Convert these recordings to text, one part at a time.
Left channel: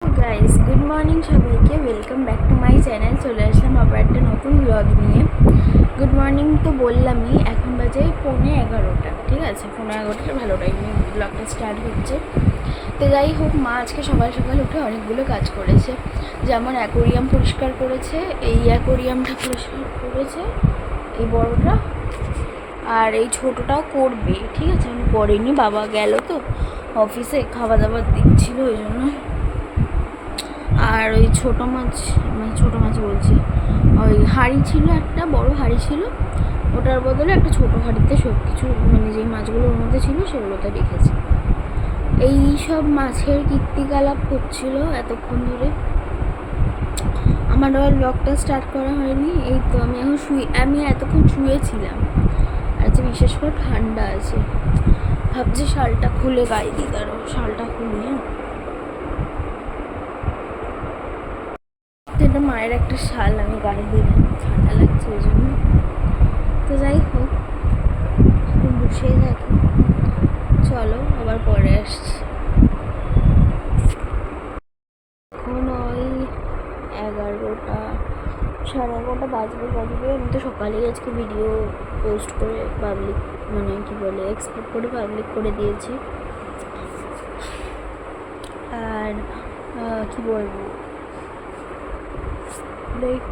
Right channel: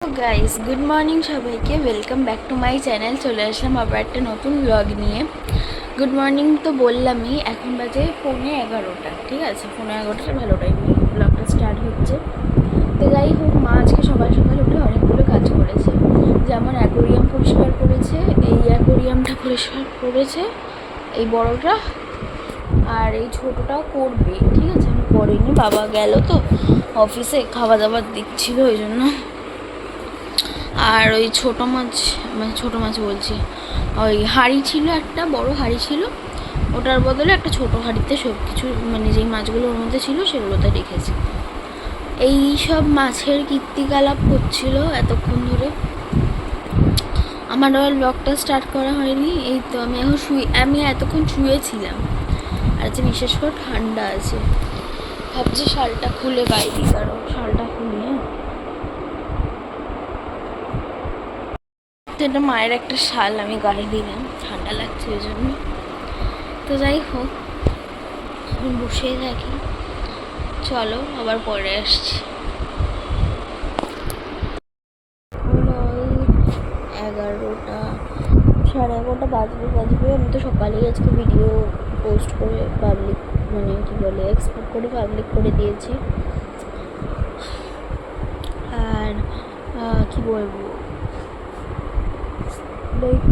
Guys, good morning সবাইকে। Welcome back to my channel. চলে আসলাম আবার একটা নতুন ব্লগ নিয়ে। গুড মর্নিং তো বললামই, এখন বাজে 11:15। ঠিক আছে, 11:15 ভালো টাইমে ব্লগটা স্টার্ট হচ্ছে। তো যাই হোক, মা আজকে সকাল সকাল উঠে অনেকগুলো কাজ করেছে। যেমন অ্যাকোরিয়াম পরিষ্কার করেছে, এই অ্যাকোরিয়ামটা পরিষ্কার করেছে, এই বড়টা, আর এই ছোটোটাও করবে। ঠিক আছে, আমি করিনি, বাবা গেল তো অফিসে, খাওয়া দাওয়া দিচ্ছিল ওই জন্য। আর ওই ছোটো মাছ বলছি, ওই হাঁড়ি ছিল, একটা বড় হাঁড়ি ছিল, ওটার বদলে একটা ছোটো হাঁড়িতে সব কিছু যেই মাছগুলো ওর মধ্যে ছিল সেগুলোতে রেখেছি। এই সব মাছের কীর্তিকলাপ হচ্ছিল এতক্ষণ ধরে। আমার আবার ব্লগটা স্টার্ট করা হয়নি। এই তো আমি এতক্ষণ শুয়েছিলাম। আর যে বিশেষ করে ঠান্ডা আছে, ভাবছি শালটা খুলে বাইরে, কারণ শালটা খুলি। হ্যাঁ, এটা মায়ের একটা শাল, আমি গায়ে দিলাম, ঠান্ডা লাগছে ওই জন্য। তো যাই হোক, আমি বসেই থাকি, চলো আবার পরে আসছি। এখন ওই 11টা, 11:30 বাজবে। আমি তো সকালেই আজকে ভিডিও পোস্ট করে পাবলিক, এক্সপোর্ট করে পাবলিক করে দিয়েছি। আর কি বলবো, লাইক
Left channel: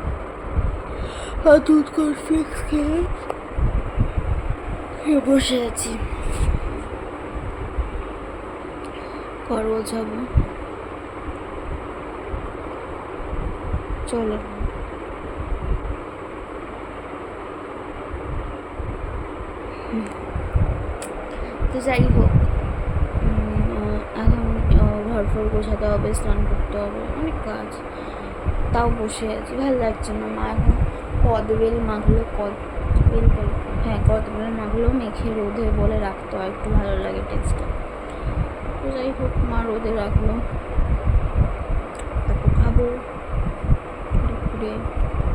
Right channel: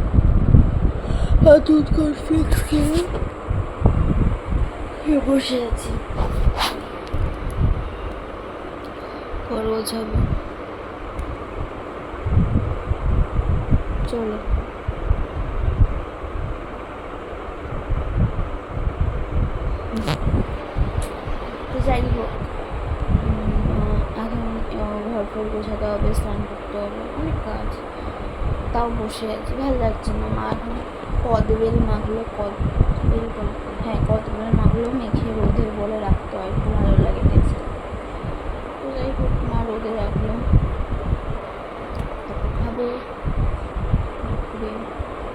দুধ কনফ্লিক্স খেয়ে বসে আছি, পরও যাবো। চলো, তো যাই হোক, এখন ঘর ফর গোছাতে হবে, স্নান করতে হবে, অনেক কাজ। তাও বসে আছি, ভালো লাগছে না। মা এখন কদবেল মাগুলো মেখে রোদে বলে রাখতে হয়, একটু ভালো লাগে টেস্টটা। তো যাই হোক, মা রোদে রাখলো, তারপর খাবো দুপুরে।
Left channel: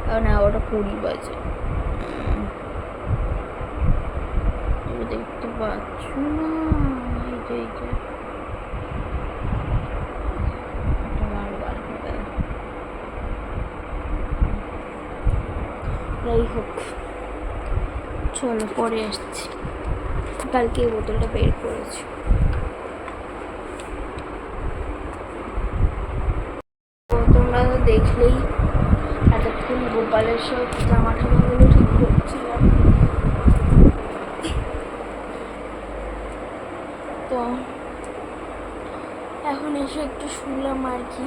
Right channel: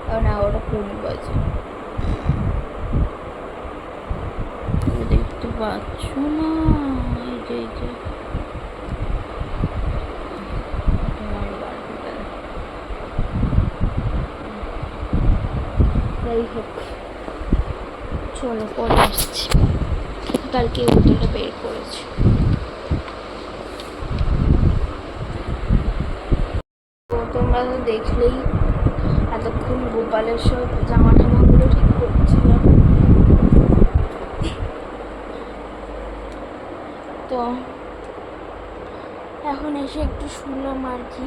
কারণ 11:20 বাজে, দেখতে পাচ্ছ না? এই যে যাই হোক, চলো পরে আসছি। কালকে এই বোতলটা বের করেছি। তো তোমরা তো দেখলেই, এতক্ষণ গোপালের সব জামা টামাগুলো ঠিক করছিলাম। তো এখন এসে একটু শুনলাম আর কি।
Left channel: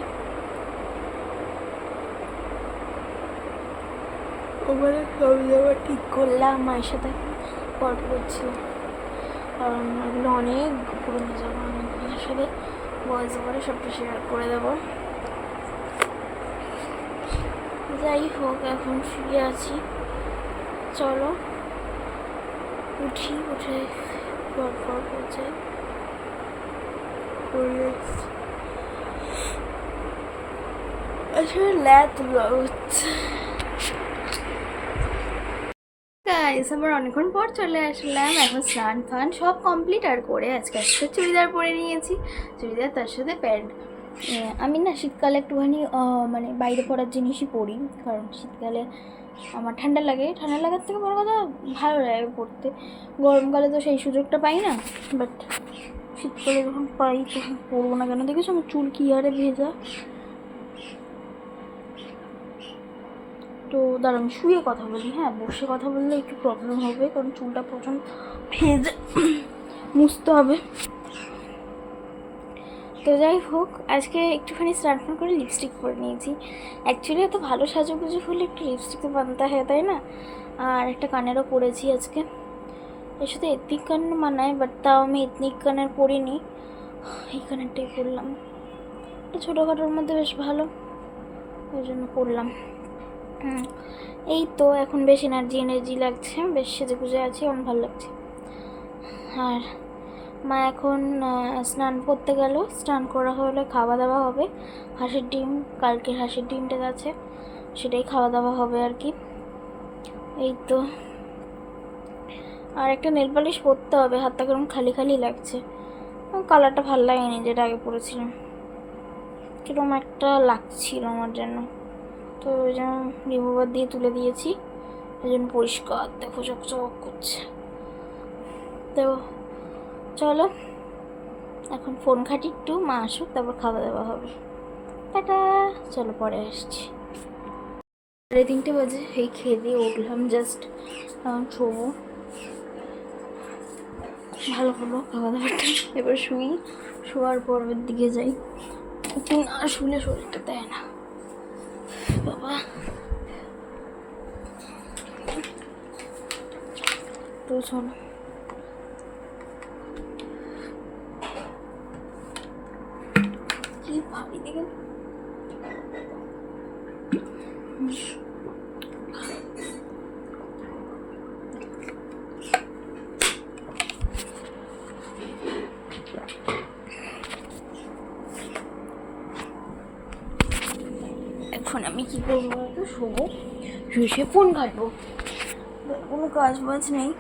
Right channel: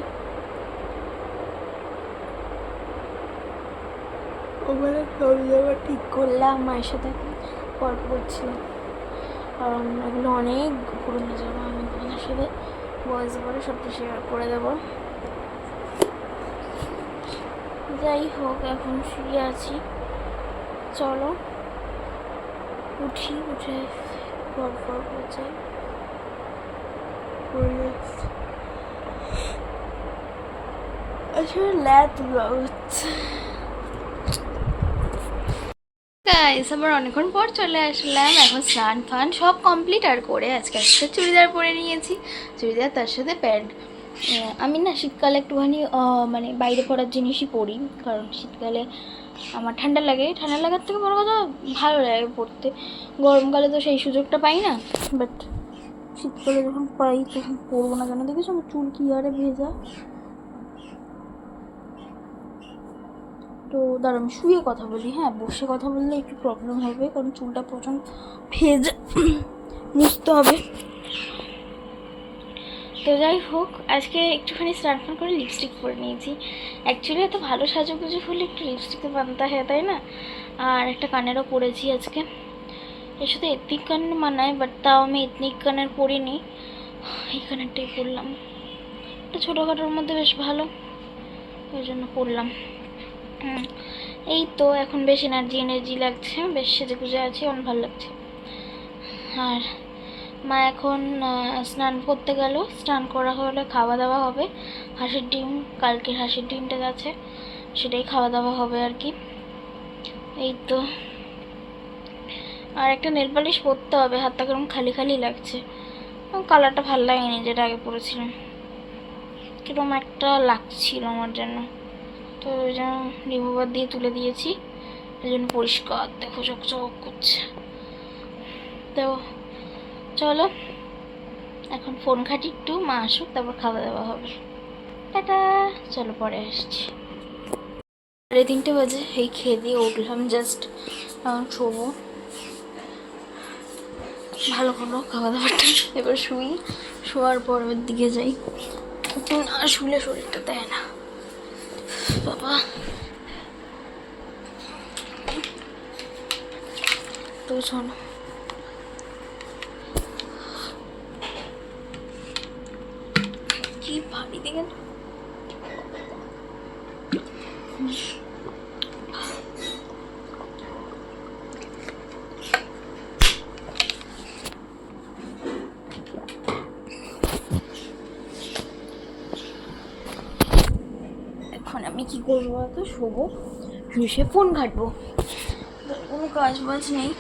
ওখানে সব জামা ঠিক করলাম, মায়ের সাথে গল্প করছিলাম, কারণ ওগুলো অনেক পুরোনো জামা। আমি তোমাদের সাথে ভয়েস ওভারে সবটা শেয়ার করে দেবো। যাই হোক, এখন শুয়ে আছি, চলো উঠে গল্প করছে। আসলে ল্যাদ হচ্ছে। গাইস, আবার অনেকক্ষণ পর চলে আসলাম। এখন স্নান ফান সব কমপ্লিট আর করে আজকে একটা চুড়িদার পরে নিয়েছি, চুড়িদার তার সাথে প্যান্ট। আমি না শীতকালে একটুখানি বাইরে পরার জিনিসই পরি, কারণ শীতকালে আমার ঠান্ডা লাগার থেকে বড় কথা ভালো লাগে পরতে। গরমকালে তো সেই সুযোগটা পাই না, বাট শীতকালে যখন পাই তখন পরবো না কেন? দেখেছো আমার চুল কি আরে ভেজা। তো দাঁড়া, আমি শুয়ে কথা বলি। হ্যাঁ, বসে কথা বললে একটু প্রবলেম হবে, কারণ চুলটা প্রচণ্ড ভেজা, মুছতে হবে। তো যাই হোক, আজকে একটুখানি স্নান ফান করে লিপস্টিক পরে নিয়েছি। অ্যাকচুয়ালি এত ভালো সাজুগুজু হলে একটু লিপস্টিক তো বানতে হয়, তাই না? আর একটা কানেরও পরেছি আজকে, এর সাথে এথনিক কান মানায়, বাট তাও আমি এথনিক কানের পরিনি, এই কানেরটাই পরলাম। একটা ছোটোখাটোর মধ্যে বেশ ভালো, ওই জন্য পরলাম। এই তো এখন বেশ এনার্জি লাগছে, বেশ সেজে গুজে আছি, অনেক ভালো লাগছে। আর মা এখন স্নান করতে গেল, স্নান করা হলে খাওয়া দাওয়া হবে। হাঁসের ডিম, কালকের হাঁসের ডিমটা আছে, সেটাই খাওয়া দাওয়া হবে আর কি। এই তো, আর একটা নেল পালিশ পরতে হবে, হাতটা কেমন খালি খালি লাগছে, কালারটা ভালো লাগেনি যেটা আগে পরেছিলাম। কিরকম একটা লাগছিল আমার জন্য, তো ওই জন্য রিমুভার দিয়ে তুলে দিয়েছি, ওই জন্য পরিষ্কার দেখো চকচক করছে। তো চলো এখন ফোন ঘাঁটি একটু, মা আসুক তারপর খাওয়া দাওয়া হবে। টাটা, চলো পরে আসছি। 3:30 বাজে, এই খেয়ে দিয়ে উঠলাম জাস্ট, এখন শোবো। ভালো হলো খাওয়া দাওয়াটা, এবার শুই, শোয়ার পর ওর দিকে যাই, একটু না শুলে শরীরটা দেয় না বাবা। তো শোনো, কি ভাবি দিকে এখন আমি কি করবো বলতো, শোবো, শুয়ে ফোন ঘাটবো, কোনো কাজ বাজ নেই।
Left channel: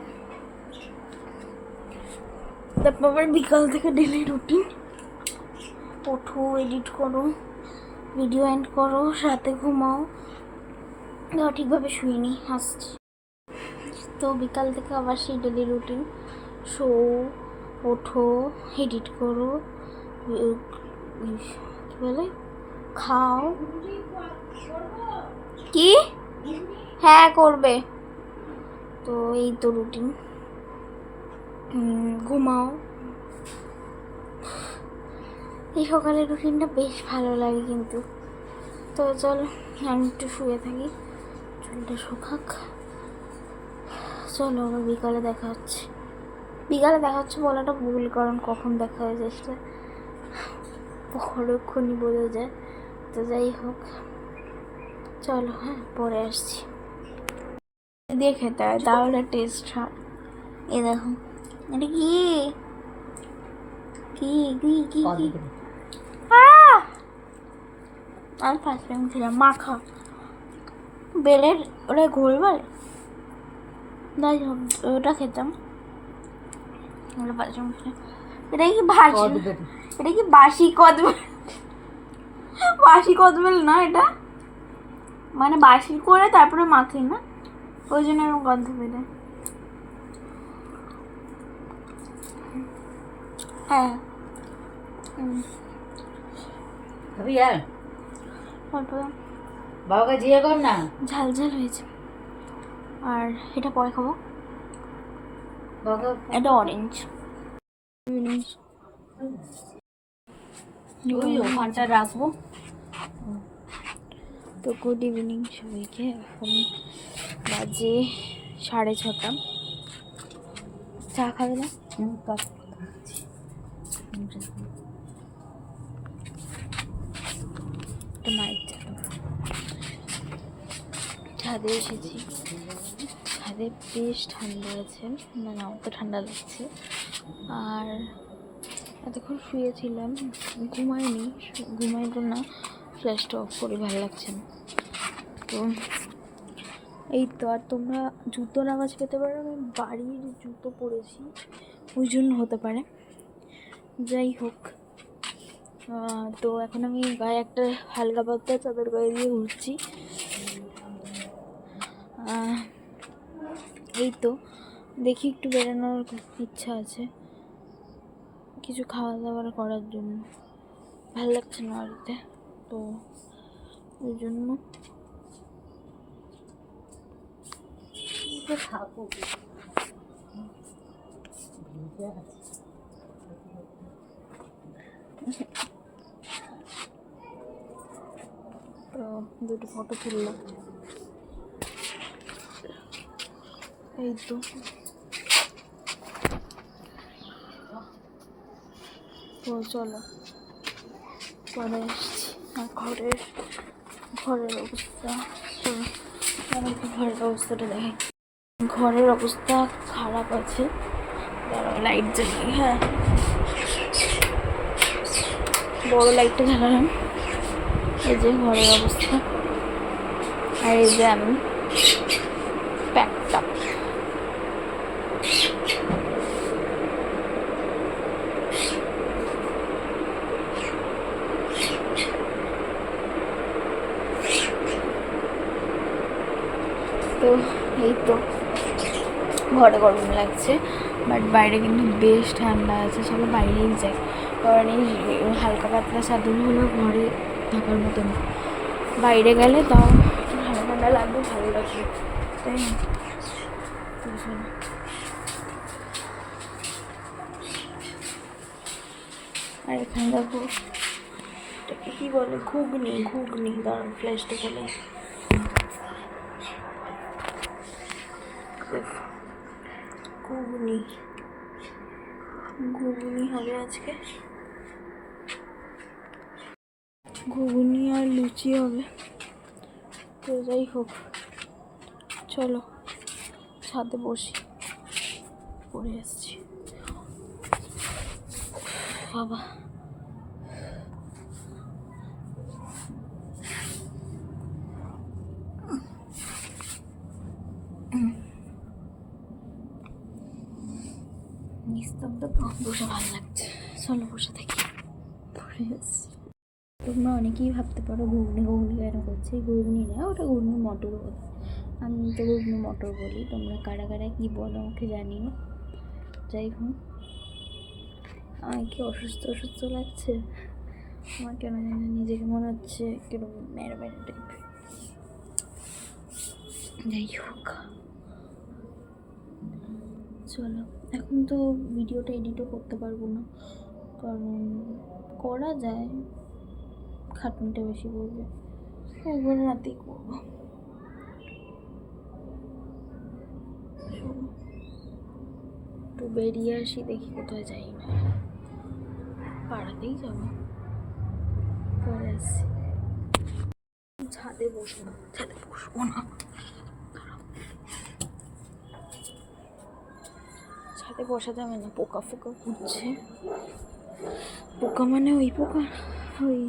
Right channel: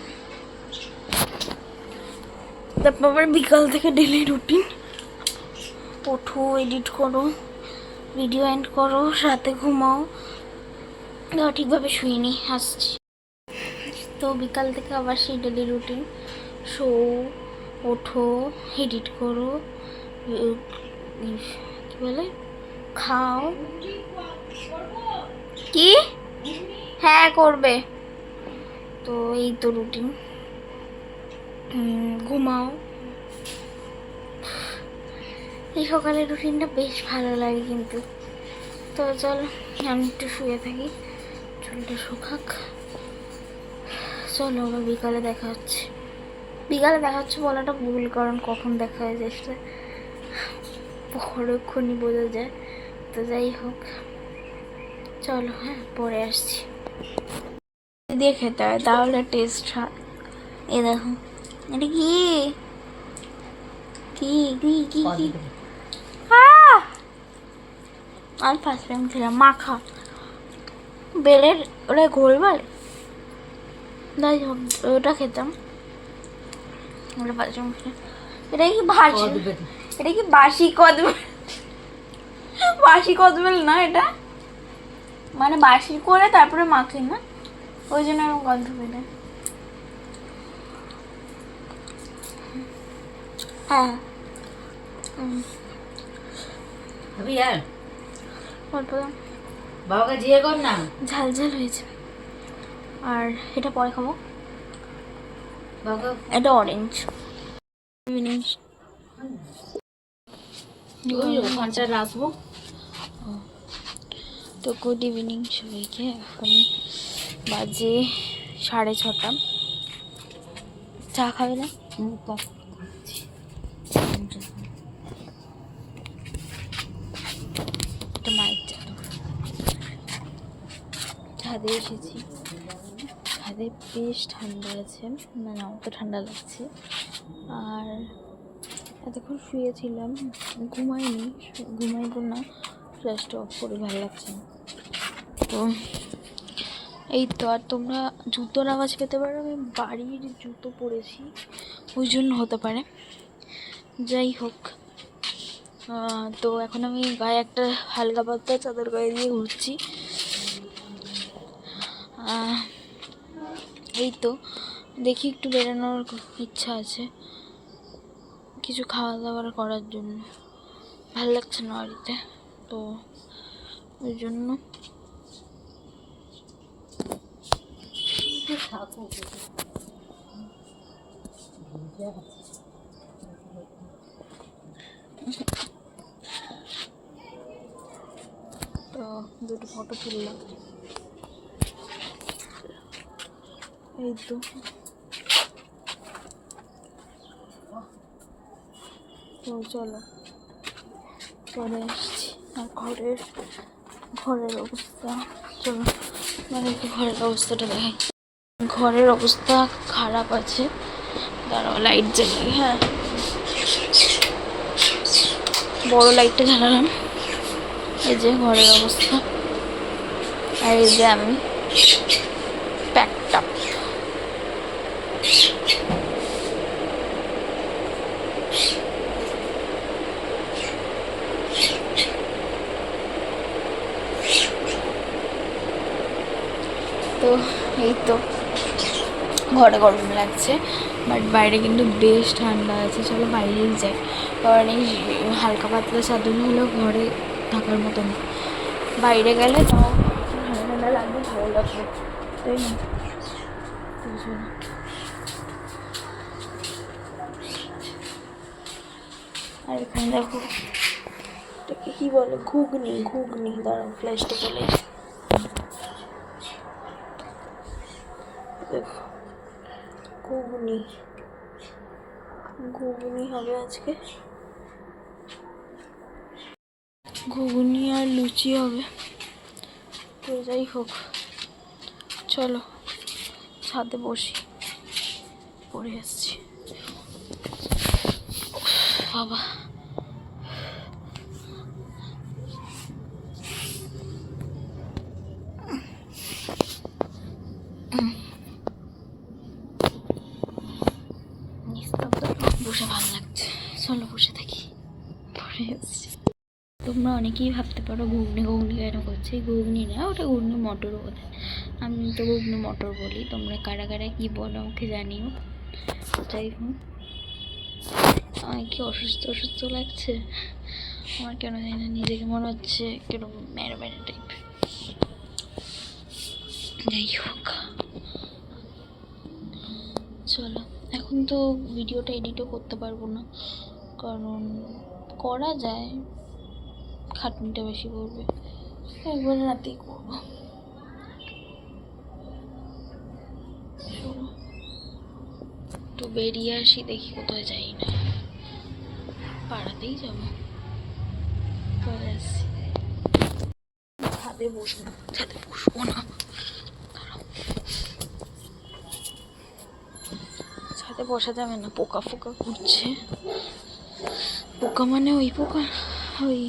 তারপর আবার বিকাল থেকে ডেলি রুটিন, ওঠো, এডিট করো, ভিডিও এন্ড করো, রাতে ঘুমাও, ঠিকভাবে শুইনি, আসছি। তো বিকাল থেকে আবার সেই ডেলি রুটিন, শো, ওঠো, এডিট করো, কি বলে, খাও, কি, হ্যাঁ করবে, তো এই তো রুটিন, ঘুমাও। এই সকালের রুটিনটা বেশ ভালো লাগে কিন্তু। তো চল আমি একটু শুয়ে থাকি, চুলটা শুকাক, চলো আবার বিকালে দেখা হচ্ছে। বিকালে দেখা হচ্ছে বলাটা ভুল, কারণ কখন দেখা হয়ে যায় সেটা পরক্ষণই বোঝা যায়। তো যাই হোক, চলো, হ্যাঁ পরে আসছি। দিয়ে খেতে হয় তাহলে টেস্ট হয়। এ দেখো, এটা কি কি কি কি কি আমি ফার্স্ট টাইম ছিলাম মাখা বেলের, ওটা ঘোল বলে, যাই হোক ওটা খেতাম, ওটা ফার্স্ট টাইম খেলাম। এটা কি ভাসি, এটা কি বাসি কদবেল, বাসি কদবেল না এটা, মানে বাসি করে তারপরে মাখি না, ওই জন্য এরকম গন্ধ বেরোয়। হ্যাঁ অল্প বাবাকে জিজ্ঞেস কর না, ঝাল ঝাল হয়েছে। আর এটা পরে খাবো, বাবাকে এটা অরেঞ্জ। ওখানটা রাখবো। তো গুড ইভিনিং সবাইকে, এখন বাজে 6:30। চা খাবে না? এটা মায়ের চাদর। ছাদে এসেছি, ছাদে বেশ ঠান্ডা আছে, মানে আমার তো ঠান্ডা লাগছে। আর এতক্ষণ শুয়েছিলাম, ঘুমাইনি, ঘুমাইবো না, ফ্ল্যাশটা অফ করে ভালো লাগছে না। তো এই তো, আর তোমরা জুতোর আওয়াজ পেতে পারো, আমি বাড়ির জুতো পরেছি ওই জন্য হতে পারে। যাই হোক, তো এখন আমি গায়ে একটা হালকা পাতলা চাদর গায়ে দিয়ে ঘুরছি। এই তো, দেখি একটু বেরোনোর ইচ্ছা আছে, কিছু খাওয়া দাওয়ার করার জন্য, ভালো লাগছে না বাড়িতে, তো ওই জন্য তো দুটো ফটো তুললাম। এই তো তো চলো পরে আসছি। আর ঘরের অবস্থা, চলো মানে একটু ঘরের অবস্থাটা দেখাই। ঘরের অবস্থা খারাপ আছে, দাঁড়াও লাইট জ্বালাই। হ্যাঁ, বড় লাইটটা জ্বালালাম। এই যে ঘরের অবস্থা, আর এই যে আমি প্যাকড আপ। তো এই তো ঘরে গরম লাগছে, বাট বাইরে কিন্তু বেশ ঠান্ডা আছে। চলো বাইরেই যাই, কারণ এই হালকা পাতলা চাদর হলো ঘরে থাকার মতো না, বাইরে গেলে তো ঠান্ডা ঠান্ডা লাগবে, ভালো লাগবে, তাই না? তো চলো। আর এখানে দেখো এটাকে কী বলে, ঘুগনি। ঘুগনি দাঁড়াও, ফ্ল্যাশটা চলে এসে দেখো, ঘুগনি ঘুগনি হবে আজকে, ঘুগনি আর লুচি হবে। তো যাই হোক, চলো ছাদে বসি, পড়ে আসছি বাবা। নিস্তব্ধ, বসে ভালো লাগছে, চলো বসে থাকি, পড়ে আসছি। তোমরা অনেকেই ভাবতে পারো ঘুগনি ঘুগনি কেন করছে, ঘুগনি না, ওটা ঘুগনি মটর বোধ হয়, আমি তো ঘুগনি মটর বলি, তোমরা কারা কারা কী বলো আমাকে জানিও। যাই হোক, আমার কি অসুস্থ অসুস্থ লাগছে, আমার কেন জানি না, নিজেকে মনে হচ্ছে কিরকম ম্যারা ম্যারা টাইপ। যাই হোক, চলো। এখন তো ভিডিওটা এডিটও করতে পারবো না, কারণ করা যায়, খাটনিটা বেশি পড়বে, একবার রাতেই করবো। তো বেরিয়ে আসি, দেখি কোথায় যাই না, পাড়াতেই যাবো, পরে আসছি। ছাদে বসবো, ছাদে বসবো না, ছাদে বসা যাবে না, পোকা ফোকা ঘুরছে। পোকা মানে ওই পোকা, ওই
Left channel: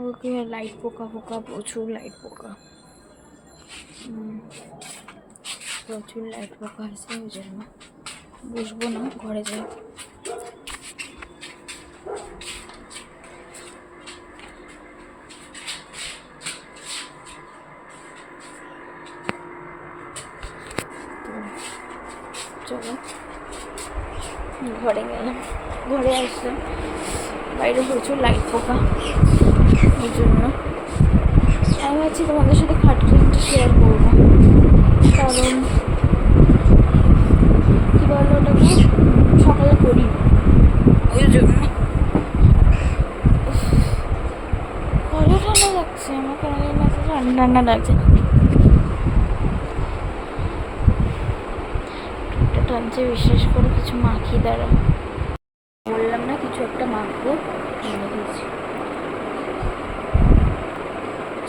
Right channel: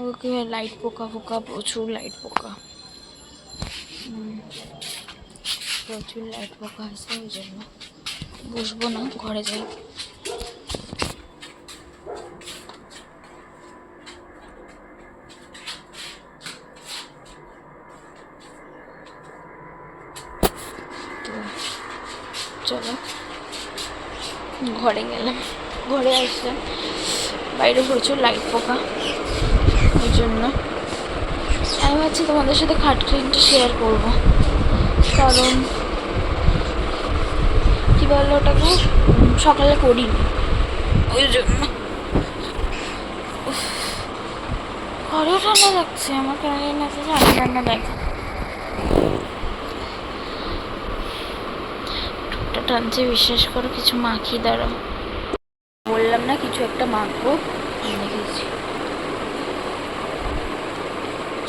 ওকে লাইট পোকা ফোকা, প্রচুর লাইট পোকা, প্রচুর লাইট পোকা আছে, ওই জন্য বসবো না, ঘরে যাই। তো চলো, ঘরে গেলাম, ঘরে আসলাম, বাইরে প্রচুর লাইট পোকা, ওই জন্য আমি ভাবছি তোমাদের সাথে খাটনিটা শেয়ার করবো, কারণ কী বলো ওটাকে, সকালে করি, ওই জন্য। ঘরেও ঠান্ডা লাগছে, আমার কেন জানি না, ঠান্ডা ঠান্ডা লাগছে, ঠোঁটটা টানছে, বিশ্বাস করো, কিছু মাখি, দাঁড়াও, বললাম না কিছু একটা মাখবো, দেখেছি।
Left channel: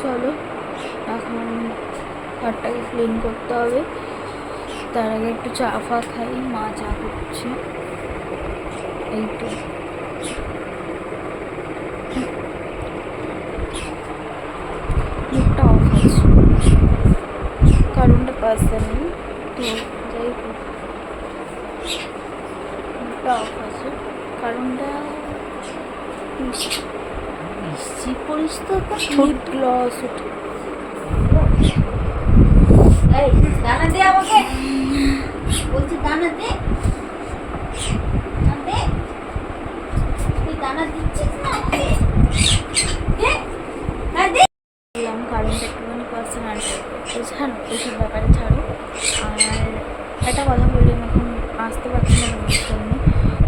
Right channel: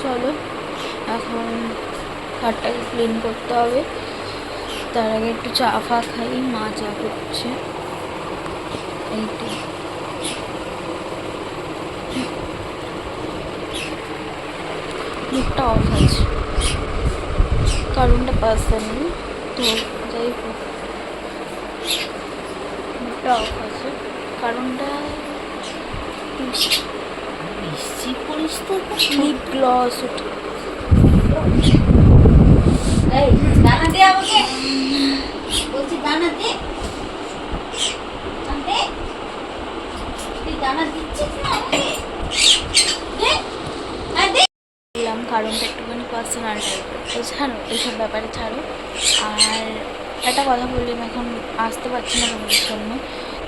চলো এখন ঘরটাকে ক্লিন করতে হবে, তার আগে একটু চা ফা খাই, মা চা করছে, এই তো। মুখটা অফ আছে, কারণটা পাস্তা নেই, তো যাই হোক, মুখটা অফ আছে, কারণটা বেশি করিস তো, লিপ গ্লস উঠে, দানা দে আমাকে, বলছি দানা দে, দানা দিচ্ছিস না দিলাম, কারণটা একটুখানি পার্সোনাল টাইপের, তো ছাড়ো এইসব ব্যাপারে, ছাড়ো। আর একটা কথা বলি, আমি এখন আসতে পারছি না তোমাদের জন্য,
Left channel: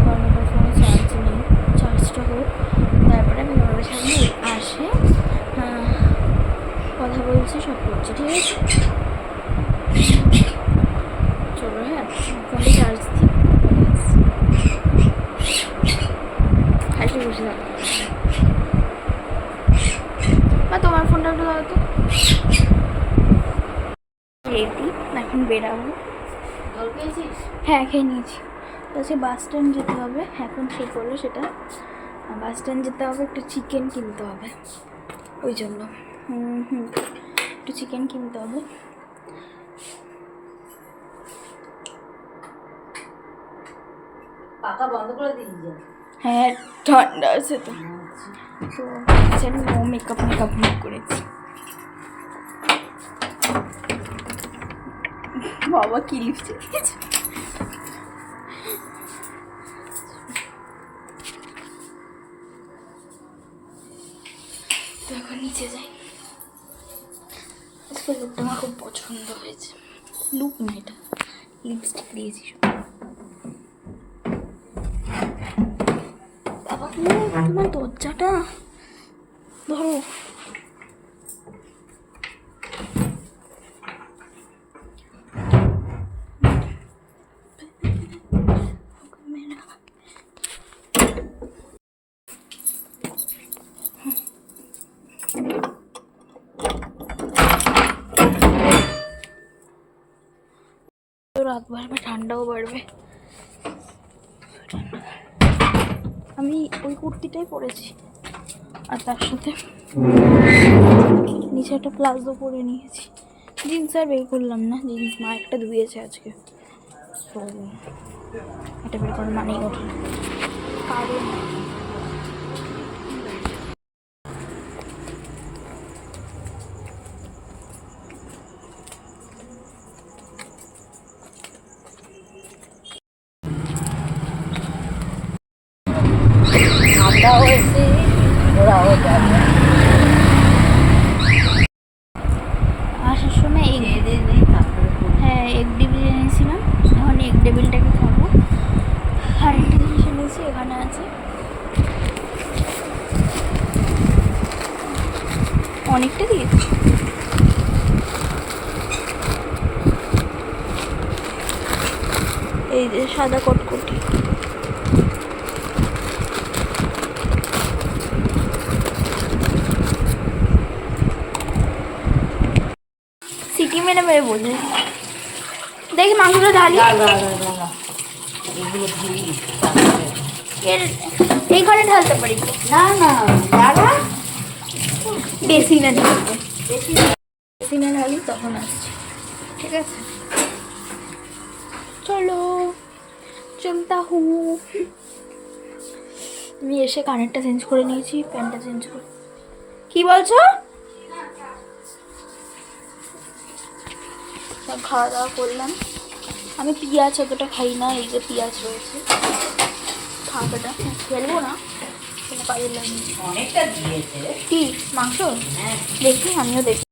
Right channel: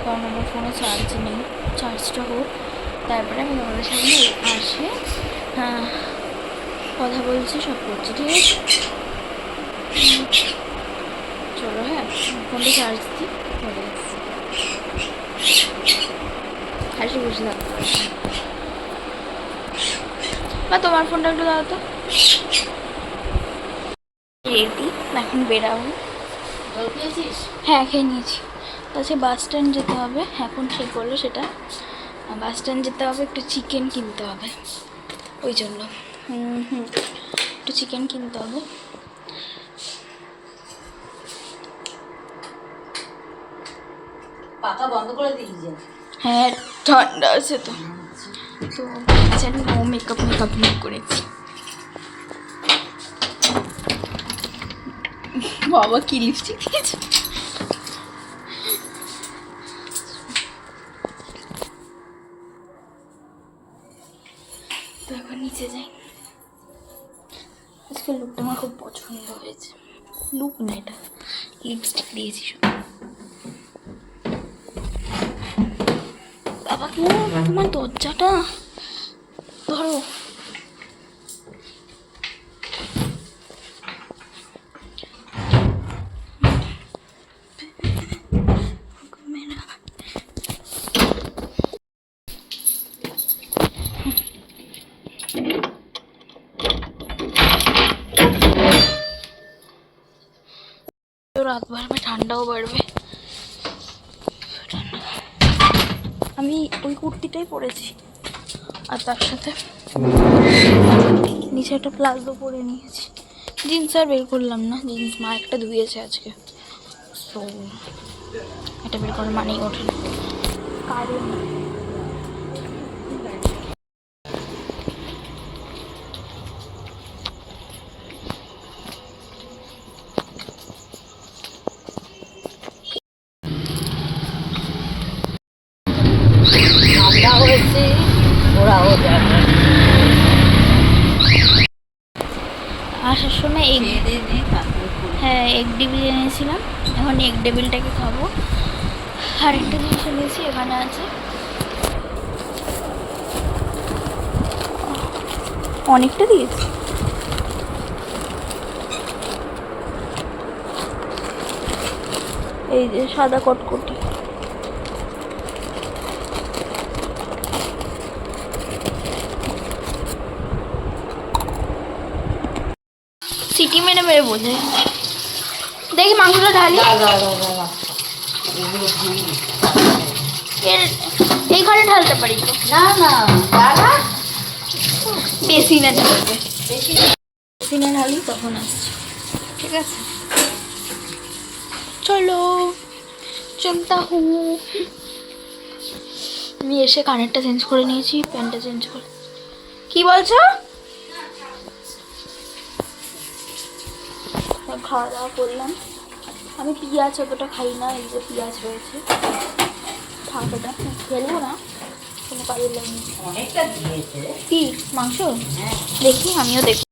কারণ আমার ফোনে চার্জ নেই, চার্জটা হোক তারপরে আমি তোমাদের সামনে আসে কথা বলছি, সব করছি, ঠিক আছে? চলো, হ্যাঁ, ফোনটা চার্জ দিই, হাসি বসে থাকতে বা তোমার ফোনটা একটু দাও তো। রেডি, এখন বেরাবো। জল পেয়েছিস? হ্যাঁ, খেয়ে নিয়েছি। তাছাড়া বাস স্ট্যান্ড যেতে হবে, এখন ঠিক হলো সেটা, বাস স্ট্যান্ড যেতে হবে, একটু চিকেন কিনতে হবে, ওই জন্য একটু চিকেন কিনতে হবে। পাখা বন্ধ করে দিয়েছে। হ্যাঁ, ঠান্ডা আছে তো, তো নো মেকআপ করেছি। বাবা কি লিপস্টিক দিয়েছে। তো এখন নিচে যাই। আজকে লুকটা আমার খুব পছন্দ হয়েছে। লুক না, এটা লিপস্টিক দিয়েছি শুধু। বাবা কি তোমার দরজাটা ধরো। তো রাত বাড়বে, ঠান্ডাও বাড়বে। আমি ওই কুর্তিটাই পরেছি, আর তার সাথে নিচে একটা প্লাজো পরে নিয়েছি। জিন্স আর বের করলাম না, জিন্স মা একটা ধুয়েছে আজকে, সো এটা বের করার মানেই ওঠে না। কারণ ঠান্ডা হয়েছে, ওরাও দেখে আসার সময় এগ, হ্যাঁ এগ ডেভিল এনেছিলাম, এখন এগ ডেভিলটাকে খাবো। আর একটা জিনিস এনেছি, এখানে আছে অনেকটা দিয়েছি। এই যে সাদা কটকটি, সিটি মেরে মেরে বোঝে। দেখি মাংসটা ঢালি, এই ঘরে ঢালতে পারি তো? না না দাদা বেসিনে ঢালবে, বেসিনে ঢালি তখন আসছি, ঠিক আছে? চলো চলতা হু। আমি এসে কানেরটা চেঞ্জ করে নিয়েছি, প্যান্টটা চেঞ্জ করে। কি বলছো? খাওয়া দাওয়া করলাম। আমি পেঁয়াজ এতটা খাই না, এই যে পেঁয়াজ রয়েছে ফাঁকাটা ফেলবো না, কোনো কাজে লাগিয়েছি। অনেকটা দিয়েছে। কি মাংস? দেখি আমিও দেখি।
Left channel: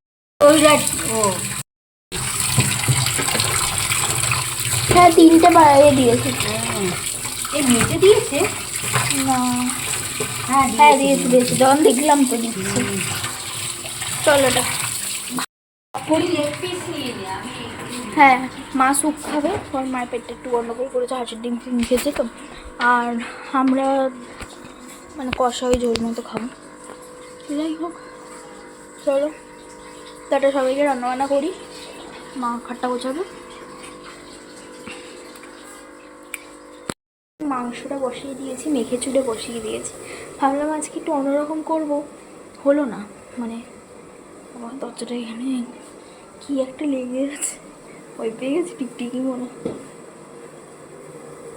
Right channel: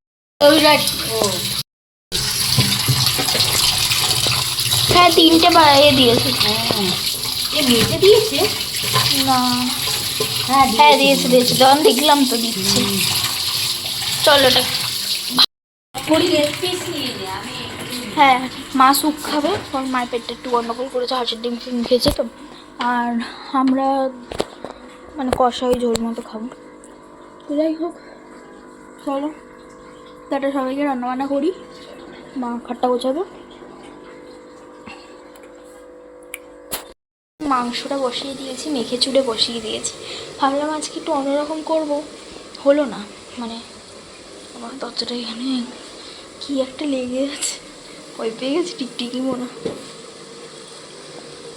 হ্যাঁ 3টে দিয়েছে। মেটে দিয়েছে না হ্যাঁ দিয়েছে দিয়েছে, যখন দেখলাম তো দিচ্ছে। চলো এটা হ্যাঁ, মা স্যুপ খাবে, কারণ মায়ের পেটটা একটু গন্ডগোল করেছে, হাঁসের ডিম ফিম খেয়েছে তো। আর আমরা মানে কষা ওই ঝোল মতো খাবো। যাই হোক চলো তাটা, সবাইকে রান্নাবান্না করি, মা খাট্টা গোছাবে। মাংসটা বসিয়ে দিয়েছি, মেখে চুড়ে বসিয়ে দিয়েছি। ভাবলাম আজকে একটু অন্যরকম করব, হলো না। মানে আমার দরজাটা এখানে কি একটা লেগে গেছে, ভয় পেয়ে গেছে, টিকটিকি মনে।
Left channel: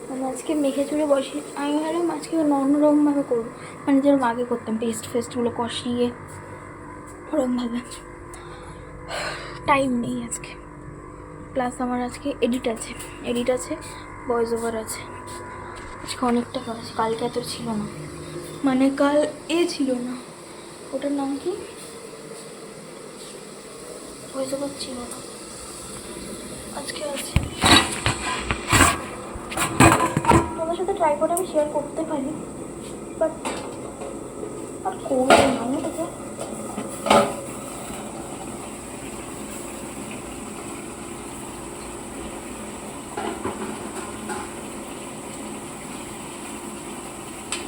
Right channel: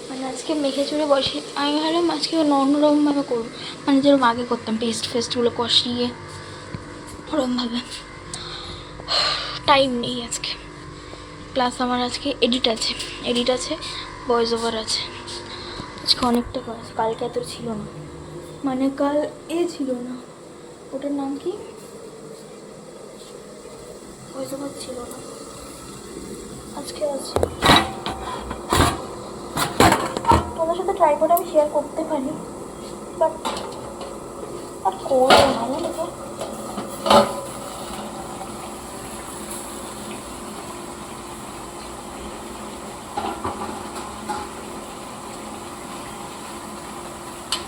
মানে আজকে মেখে চুড়ে বসিয়ে আমি ভাবলাম আজকে অন্যরকমভাবে করবো, মানে যেরকম আগে করতাম পেস্ট ফেস্টগুলো কষিয়ে, ওরকমভাবে। টাইম নেই আজকে, প্লাস আমার আজকে এডিট আছে, ভয়েস ওভার আছে, আজকে অনেকটা কাজ। কালকে এত ছিল না, মানে কাল ছিল না, ওটার নাম কি, ভয়েস ওভার ছিল না, আজকে আছে। তোমার সাথে ট্রাই করে আমি শেয়ার করতে পারি, বাট আর করবো না আমি দেখো।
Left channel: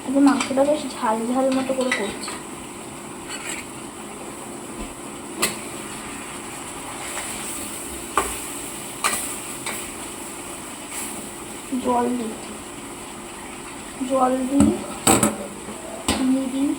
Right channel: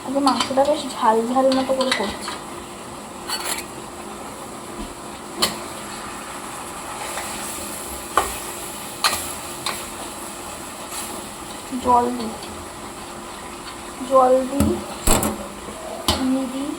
আজকে মাংসটা বেশ ঝাল ঝাল মতো করে করছি। জল দিই, চিনি দিই,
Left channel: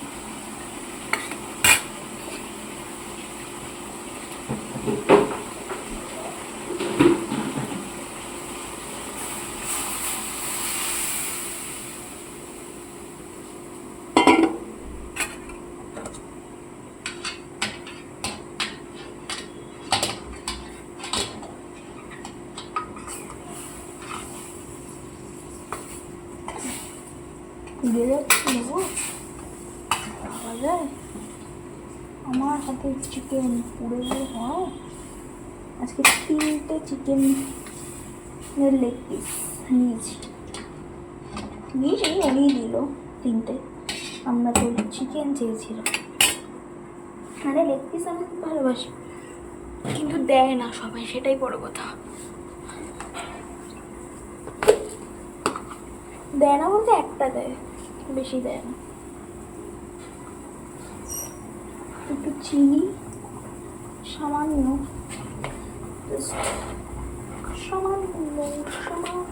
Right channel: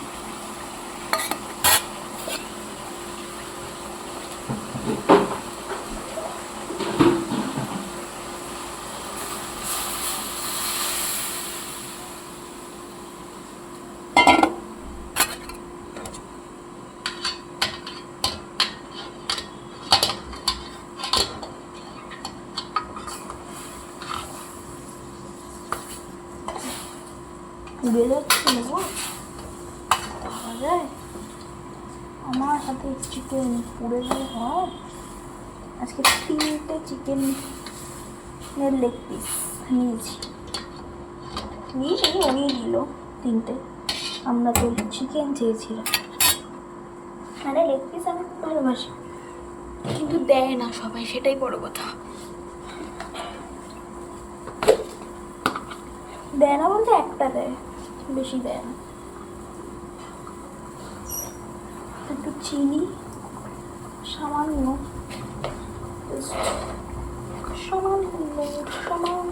পুড়ে যাচ্ছে নেবো পাওয়া যায়। আমার হাতে চিকেন পুড়ে গেলে হয়। আজকে 3টে চিকেনের লেগ পিস নিয়েছি, উনিই দিল 3টে। আমরা তো চিকেন চেয়েছিলাম, মানে লেগ পিস আমি খুব ভালোবাসি, কিন্তু দেয় না সবাই, সেটাই বড় কথা। দেয় না বলতে একটা দেয়, বেশি দেয় না। একটু চিনি সামান্য, সামান্য সামান্য।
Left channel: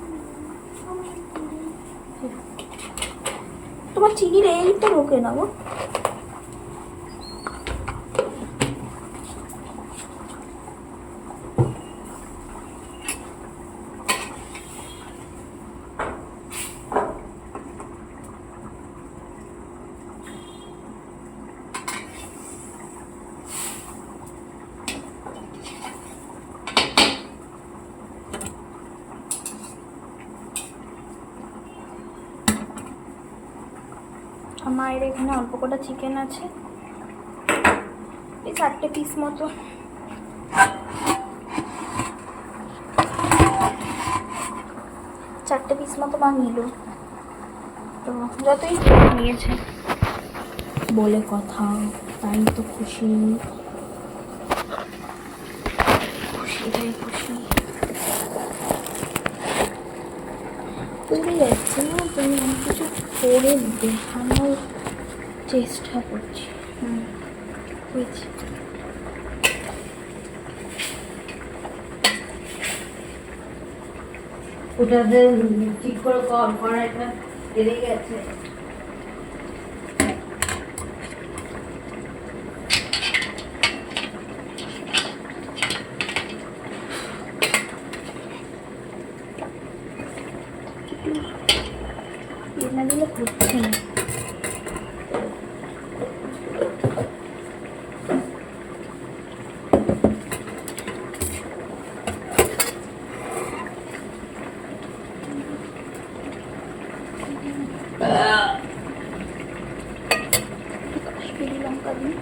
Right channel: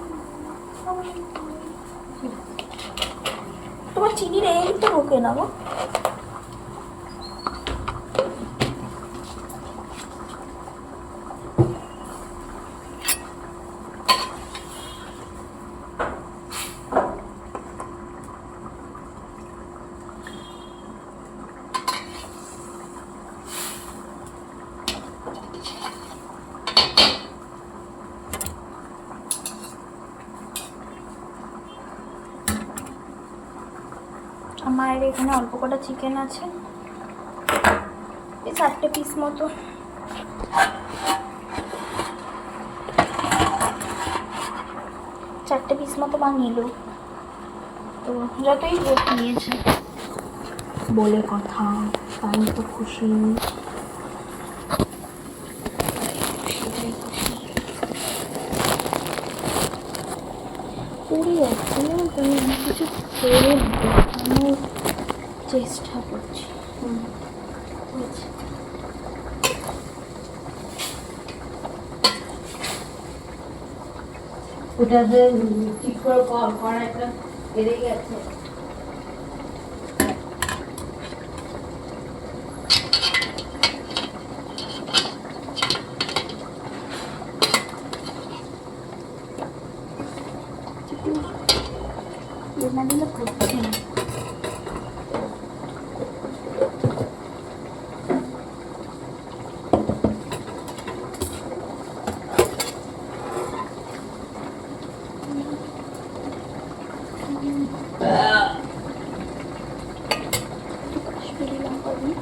তোমার চিনির এই তো ঢোকে না গো। আমার এখানে অল্প কটা চিকেন আছে, এই 4টে পিস মতো। 4টে পিস মতো মা নিল, তো যতই নিয়েছে বলে কথা, তাই তো খুশি, খুশিটাই খুশি। পড়ে যাচ্ছে না, তুমি আমি কিছু করে দেখানোর চেষ্টা করছি। হয়েছে। ওটাতে ঠিক করে করা একটা বেড়ে গেছে। না দিলে হচ্ছে না। কাশ্মীরি লঙ্কা দিই।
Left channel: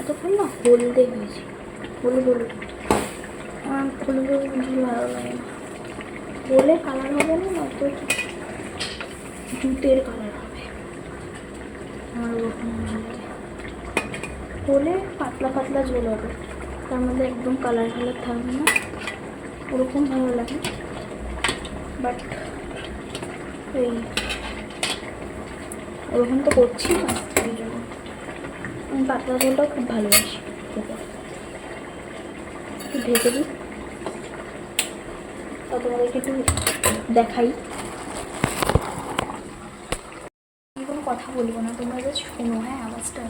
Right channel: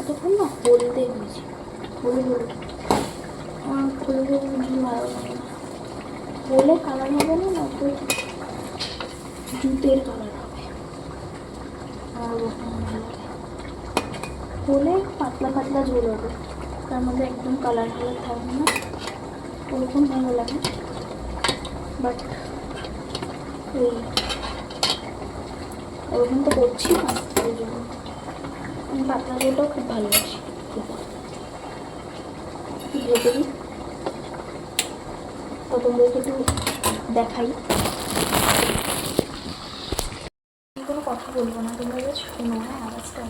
এতক্ষণ না হলদে হয়েছে, হলুদ আমার হলুদ জিনিস ভালো লাগে না। হলে কালার হবে না, নয়তো জুতের কালার হবে, আমার ওরকম ভালো লাগে। হলে পাতলা পাতলা ঝোল হবে, তার মধ্যে একদম কালার থাকবে না, ওরকম ভালো লাগে। বাট এই ওরকম তো করছি না, ওই জন্য আমি পাতলা ঝোলটাও খুব ভালোবাসি খেতে। একটু ভেজে দিই, তো তোমাদেরকে একটু দেখাই। আমি কোনো কথা বলবো না, তোমরা জাস্ট শোনো। হ্যাঁ, আওয়াজটা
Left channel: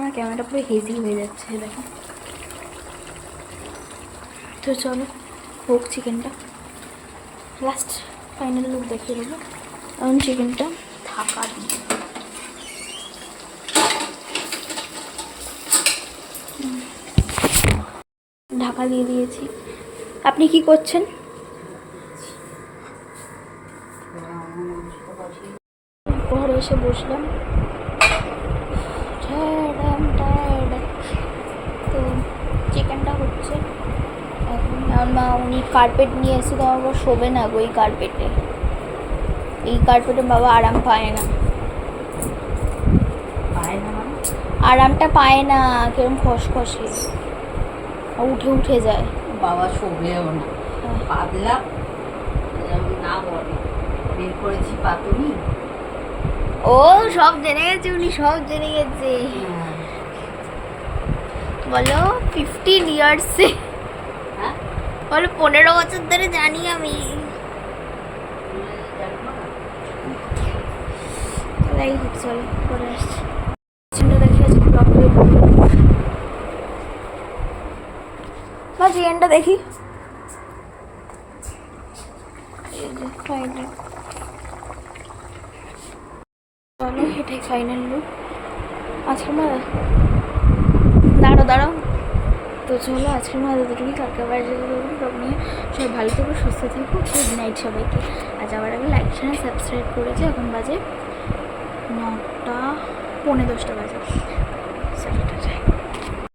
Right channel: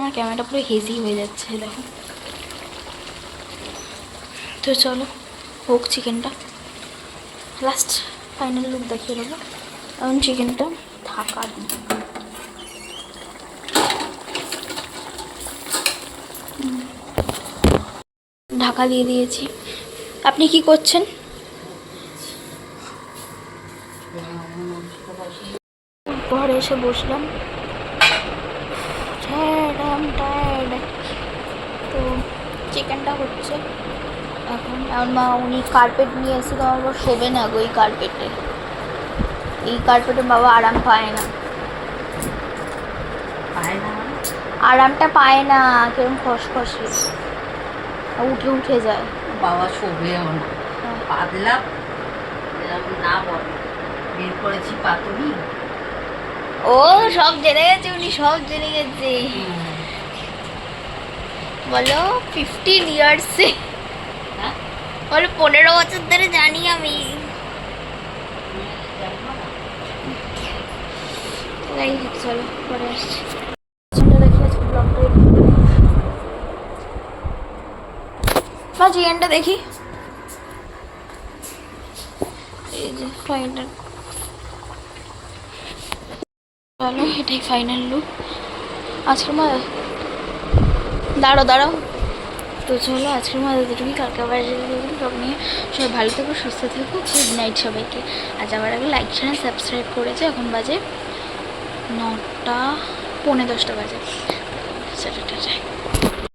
আমার ক্যামেরাটা পুরো হেজি হয়ে যাচ্ছে, দেখো। তো চলো হোক চিকেনটা, লাস্ট ফাইনাল লুক দেখিয়ে দেবো। এখন চিকেনটা ঢাকা দিই। ঢাকা দিয়ে দিয়েছি। আপনি কি করছেন? ঘরে এসে বসলাম, টায়ার্ড। তো চিকেনটা হচ্ছে এখন। মা উনি কার্পেট নিয়ে এসে, তো আমার শোবে না গো এই কার্পেটে। এই কার্পেটে বাবা আরাম পায় না, আরামটা পায় না, কেরম খসখসে উঠে যায়। বাবা শোবেও না। পাতলা এরকম না বল, বের করেছি পাতুরি। ও সব জেনে গেছে, উনি সব জেনে গেছে। বলো 15 ইয়ার্সে, হ্যাঁ বলো 15 বছর ধরে জানি আমি। তাই চলো পরে আসছি। দেখি আজকে ব্লগ চিকেনটা দেখি। এই যে ফাইনাল, চলো এটাই ফাইনাল লুক আজকের মা। দাঁড়াও তো চলো আজকের মধ্যে দুটোই, কালকে আবার সব নিয়ে সবাই ভালো থেকো, সুস্থ থেকো, গুড নাইট সবাইকে। আর যাওয়ার আগে লাইক চ্যানেল সাবস্ক্রাইব করেছে। এখন বাজে 9টা 9:45 বাজে। চলো টাটা।